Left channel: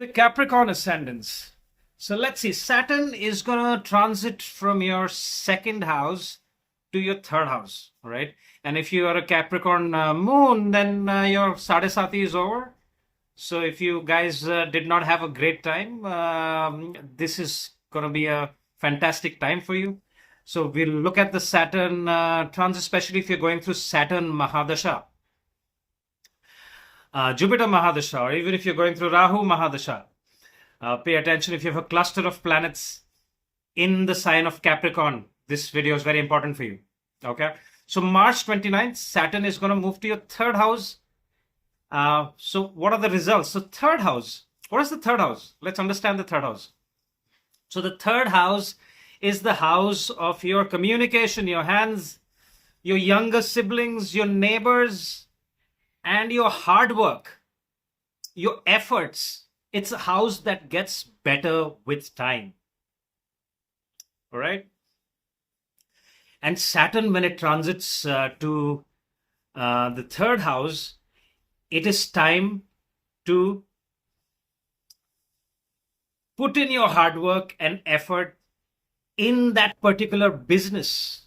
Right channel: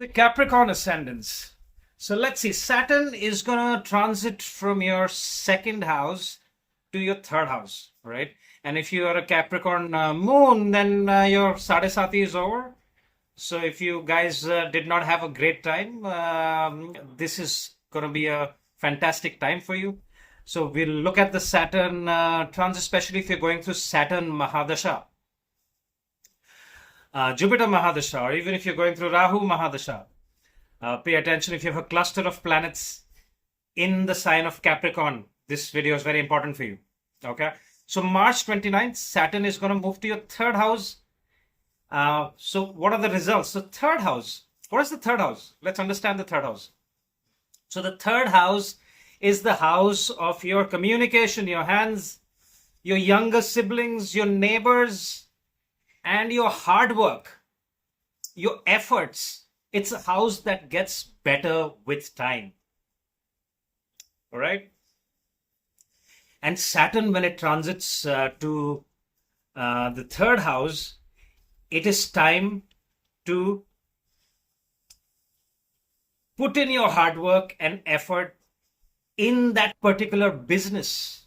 The Capricorn ascendants. So let's see. Saturn is going to transit from your second house to your third house, right? And if you are a Capricorn moon, then your Sadesati is over. So if you guys did not have a great time, this is going to be a fantastic time for you. So we'll look at the Saturn transit, especially if you're going through Saturn Mahadasha. Jupiter Mahadasha, or even if you're going through Rahu Mahadasha, pay attention if you have a cluster of planets in the sign of Capricorn. This video is very important for you. Okay, so March 29th, Saturn is going to move to your third house. So what are the results? So third house, what is the third house? Let's understand the third house. So the third house is the house of your communication, your hands, your younger siblings, your neighbors, and your hard work, your efforts. It's a house that gets better with time. All right. And Saturn, when it transits to the third house, it is time to put in your hard work and effort in that particular business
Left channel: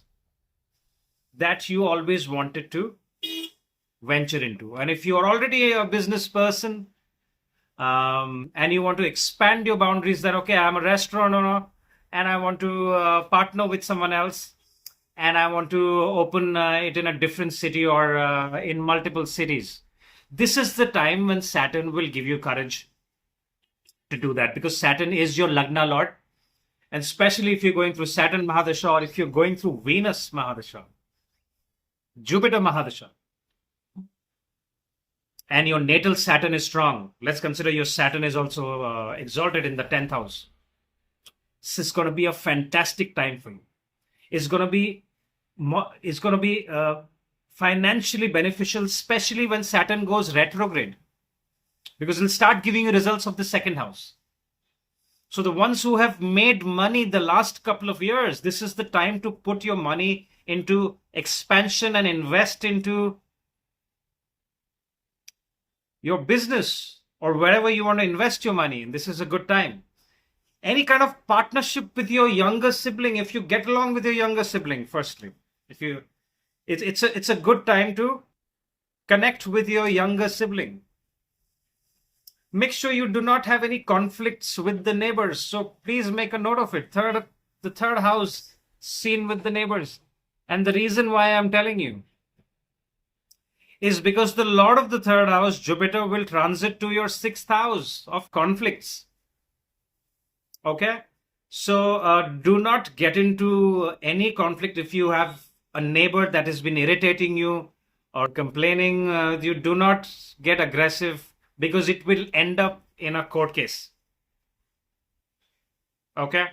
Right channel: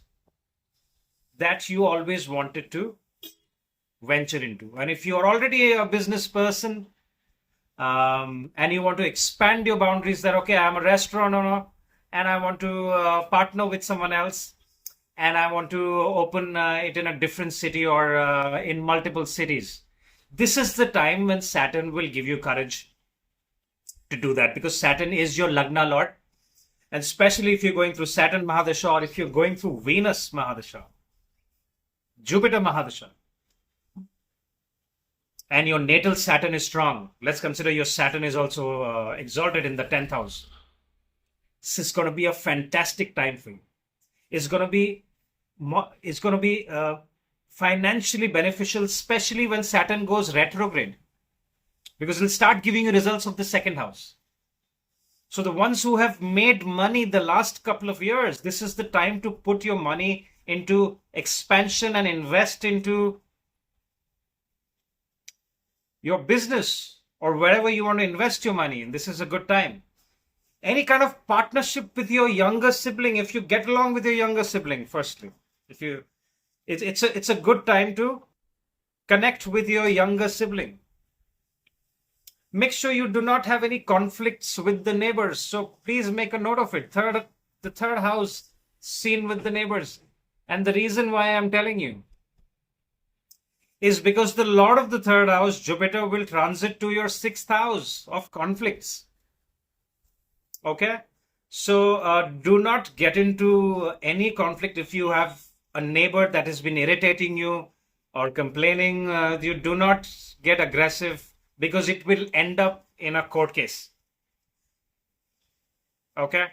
that you always wanted to venture into. And if you're already a business person and you want to expand your boundaries, that okay, I'm a restaurant owner and I want to partner with someone else and I want to open it in a different city or in multiple cities, this is the time when Saturn will give you courage to do that, because Saturn is your Lagna Lord. And especially if you're going through Saturn Mahadasha, or if you're going through Venus Mahadasha, Jupiter Mahadasha, and your natal Saturn is strong. Let's consider your Saturn is also exalted in the 10th house. This is going to be a fantastic time for you. It's going to be financially beneficial, especially when Saturn goes retrograde, because it'll start giving you results of the second house. So the ones who have made money the last couple of years, this is the time to put your money into expansion and invest into your business or wherever you want to invest your money. And this is a good time. Any kind of partnership with your younger sibling, if you get along with your younger sibling, firstly, it's a good time to connect with your younger sibling. Make sure you do not have any conflicts with the neighbors. So please make a note of it. The third house seen with the neighbors. And the reason why I'm telling you is because the Lord of the third house, Jupiter, will transit to your sixth house of conflicts. Okay? So do not get into any conflict. If you have a neighbor that has been irritating you or complaining, you do not get aggressive, because it will end up in a court case. Okay?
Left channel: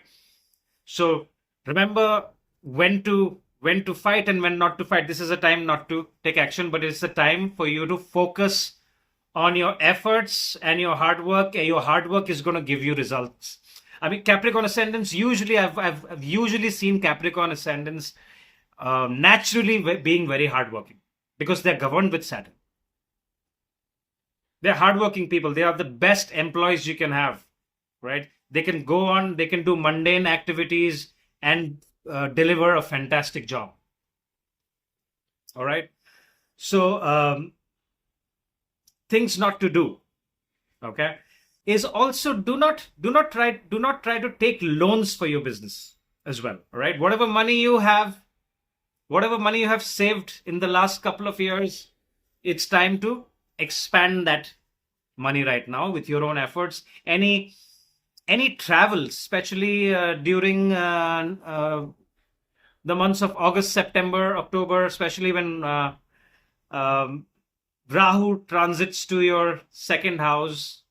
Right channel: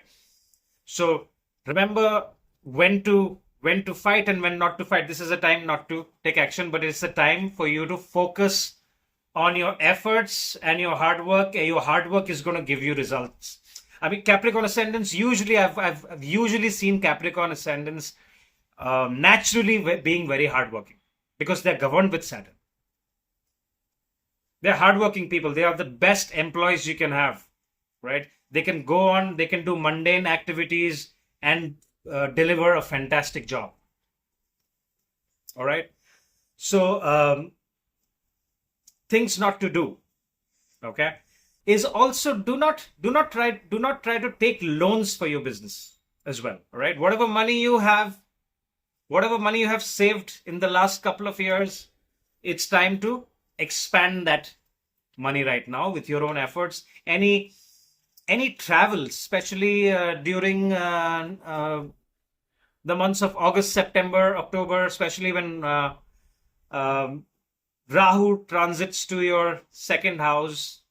So remember when to fight and when not to fight. This is a time not to take action, but it's a time for you to focus on your efforts and your hard work. Your hard work is going to give you results. I mean, Capricorn ascendants, usually I've usually seen Capricorn ascendants naturally being very hardworking, because they're governed with Saturn. They're hardworking people. They are the best employees you can have, right? They can go on, they can do mundane activities and deliver a fantastic job. All right. So things not to do, okay, is also do not try to take loans for your business as well. All right. Whatever money you have saved in the last couple of years, it's time to expand that money right now with your own efforts. Any travel, especially during the months of August, September, October, especially when Rahu transits to your second house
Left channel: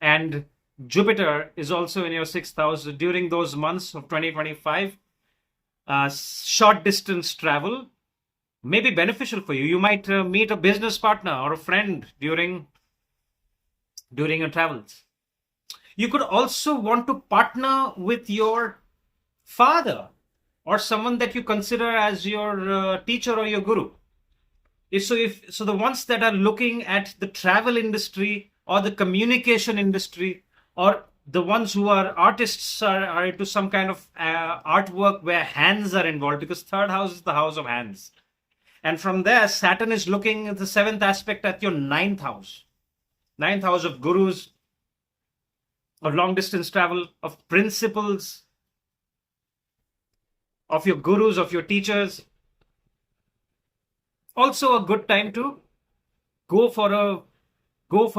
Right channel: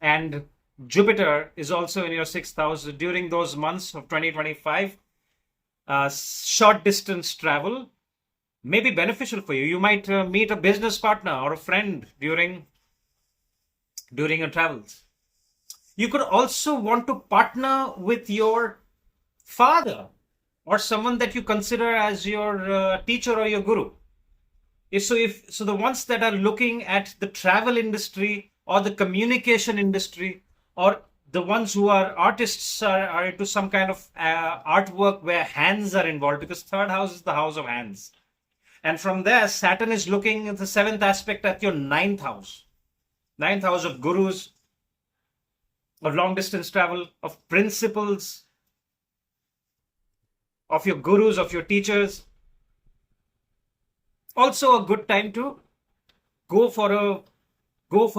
and Jupiter is also in your sixth house. During those months of 2025, short distance travel may be beneficial for you. You might meet a business partner or a friend during your travels. You could also want to partner with your father or someone that you consider as your teacher or your guru. So the ones that are looking at the travel industry or the communication industry, or the ones who are artists are into some kind of artwork where hands are involved, because third house is the house of hands. And from there, Saturn is looking at the seventh aspect at your ninth house. Ninth house of gurus, of long distance travel, of principles, of your gurus, of your teachers. Also a good time to go for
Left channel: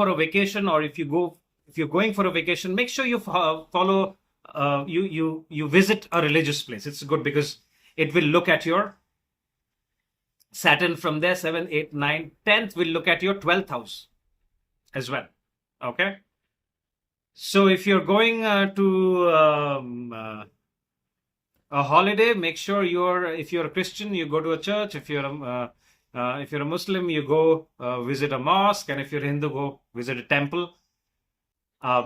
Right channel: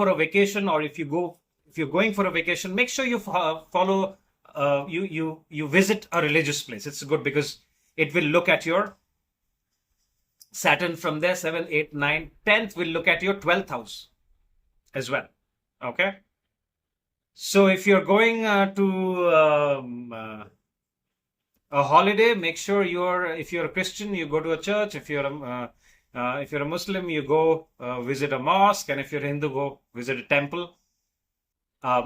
a vacation, or if you're going for a vacation, make sure you follow you visit a religious place. It's good because it will look at your Saturn from there. 7, 8, 9, 10th will look at your 12th house as well. Okay, so if you're going to a holiday, make sure if you're a Christian, you go to a church. If you're a Muslim, you go visit a mosque, and if you're Hindu, go visit a temple.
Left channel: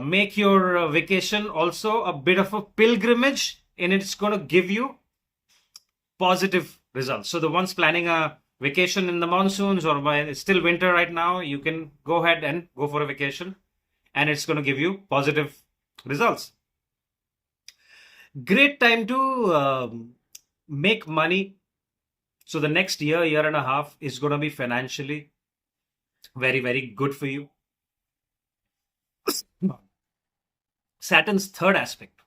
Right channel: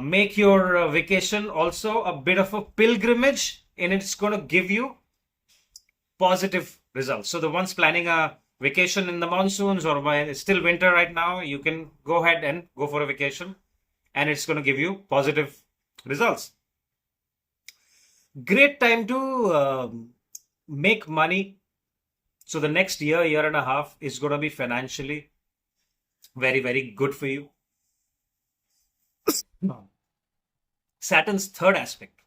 Make your vacation also a bit of a pilgrimage, and it's going to give you positive results. So the ones planning a vacation in the monsoons, or when it's still winter right now, you can go ahead and go for a vacation, and it's going to give you positive results. Great time to make money. So the next year and a half is going to be financially very, very good for you. Saturn's third aspect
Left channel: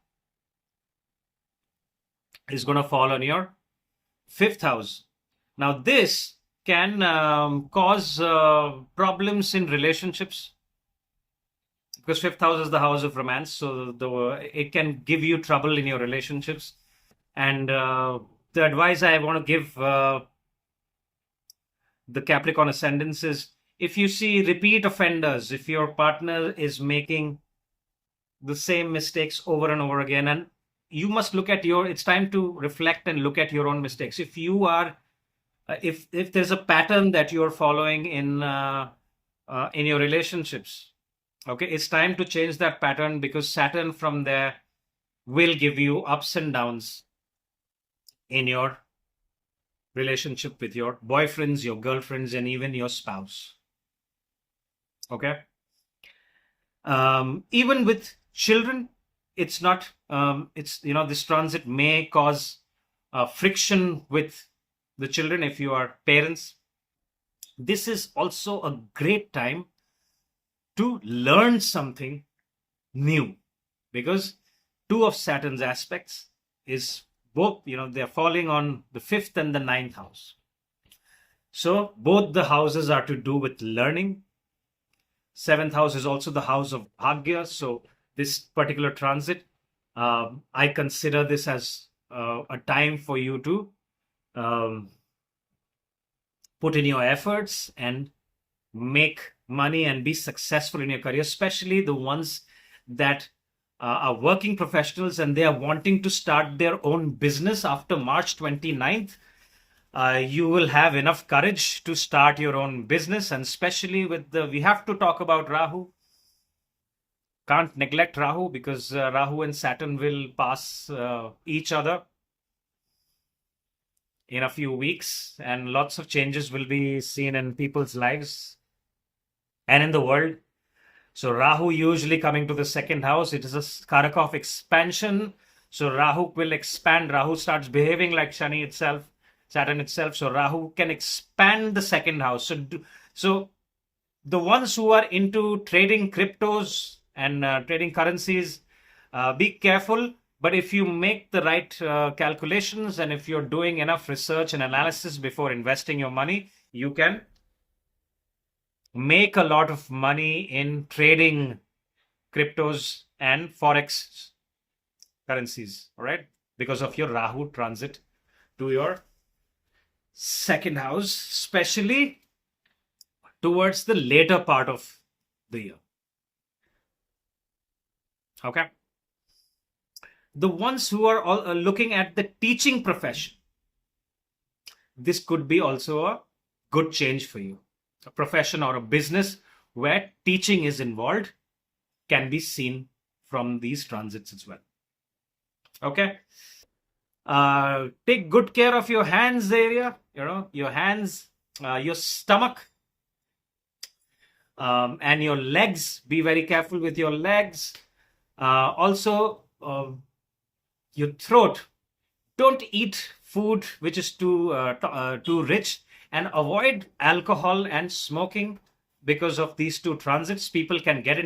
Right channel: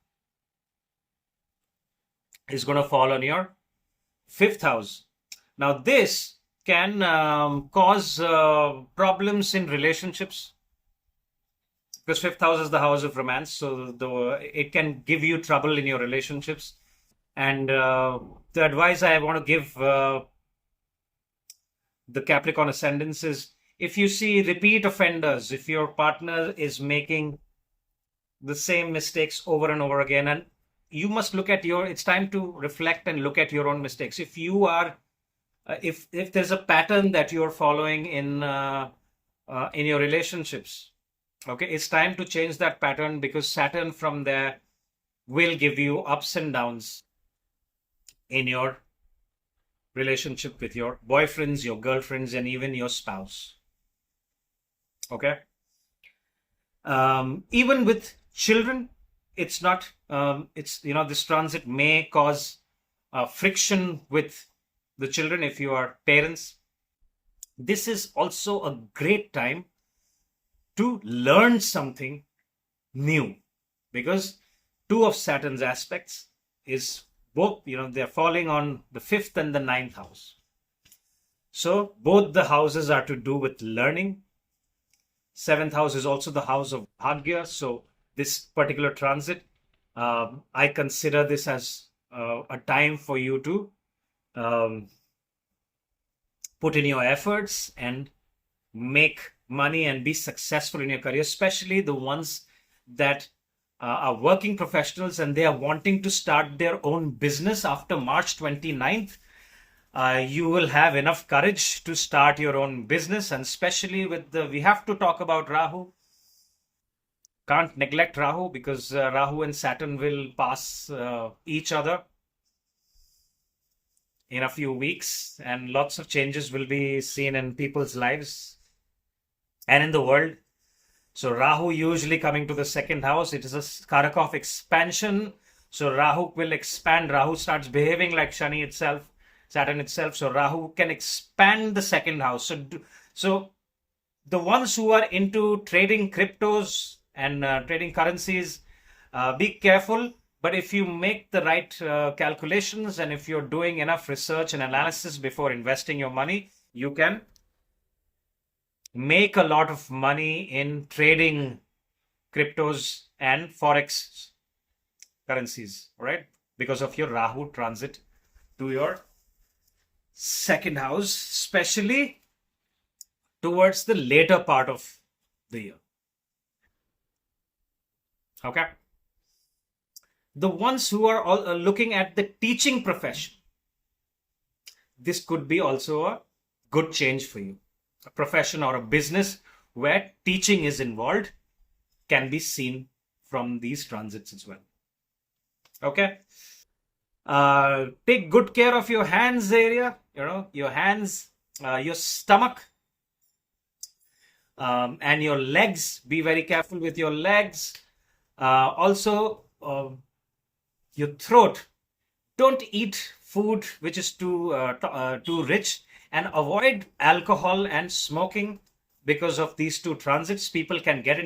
is going to fall on your fifth house. Now this can cause problems in relationships, because fifth house is the house of romance. So it can give you trouble in your relationships. And the advice I want to give the Capricorn ascendants is, if you see repeat offenders, if your partner is making the same mistakes over and over again, and you must look at it's time to reflect and look at your own mistakes. If you are, if there's a pattern that you're following in your relationships, okay, it's time to change that pattern, because Saturn from there will give you ups and downs in your relationship with your boyfriends, your girlfriends, and even your spouse. Okay. Even with children, it's not, this transit may cause friction with the children if you are parents. This is also a great time to learn something new, because two of Saturn's aspects is both, they're falling on the fifth and the ninth house. So both the houses are to do with learning. Seventh house is also the house of Bhagya. So this particular transit, I consider this as a time for you to put in your efforts and make money and be successful in your career, especially the ones that are working professionals and they are wanting to start their own business after March 29th. You will have enough courage to start your own business, and especially we have to talk about Rahu. Can't neglect Rahu, because Rahu and Saturn will pass each other in a few weeks, and lots of changes will be seen in people's lives and in the world. So Rahu usually coming to the second house, it is a karak of expansion. So Rahu will expand. Rahu starts behaving like Shani itself, Saturn itself. So Rahu can expand the second house. So the ones who are into trading cryptos and trading currencies, be careful. But if you make the right calculations, and if you're doing enough research and analysis before investing your money, you can make a lot of money in trading cryptos and forex currencies, all right? Because of your Rahu transit to your second house, especially towards the later part of the year. Okay. The ones who are all looking at the teaching profession, this could be also a good change for you. A profession or a business where teaching is involved can be seen from these transits as well. Okay. Take good care of your hands area, your hands, your stomach. And your legs, be very careful with your legs. Also, your throat. Don't eat food which is too rich, and avoid alcohol and smoking. Because of these two transits, people can get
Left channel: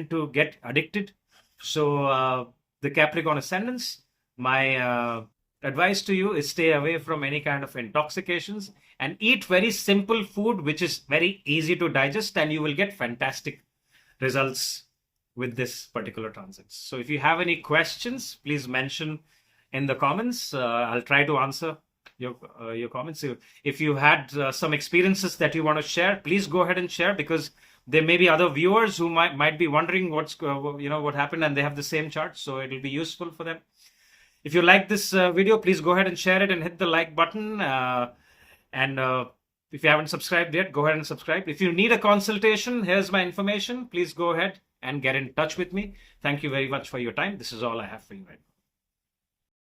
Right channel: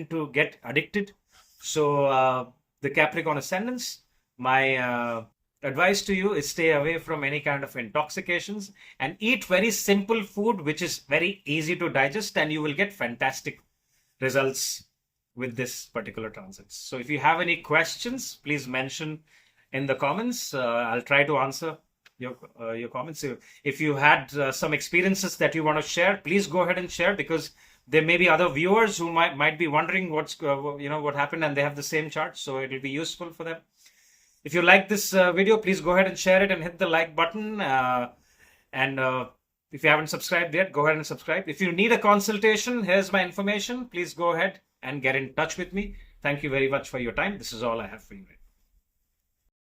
addicted. So the Capricorn ascendants, my advice to you is stay away from any kind of intoxications and eat very simple food which is very easy to digest, and you will get fantastic results with this particular transit. So if you have any questions, please mention in the comments. I'll try to answer your comments. If you had some experiences that you want to share, please go ahead and share, because there may be other viewers who might be wondering what happened, and they have the same chart, so it will be useful for them. If you like this video, please go ahead and share it and hit the like button. And if you haven't subscribed yet, go ahead and subscribe. If you need a consultation, here's my information. Please go ahead and get in touch with me. Thank you very much for your time. This is all I have for you right now.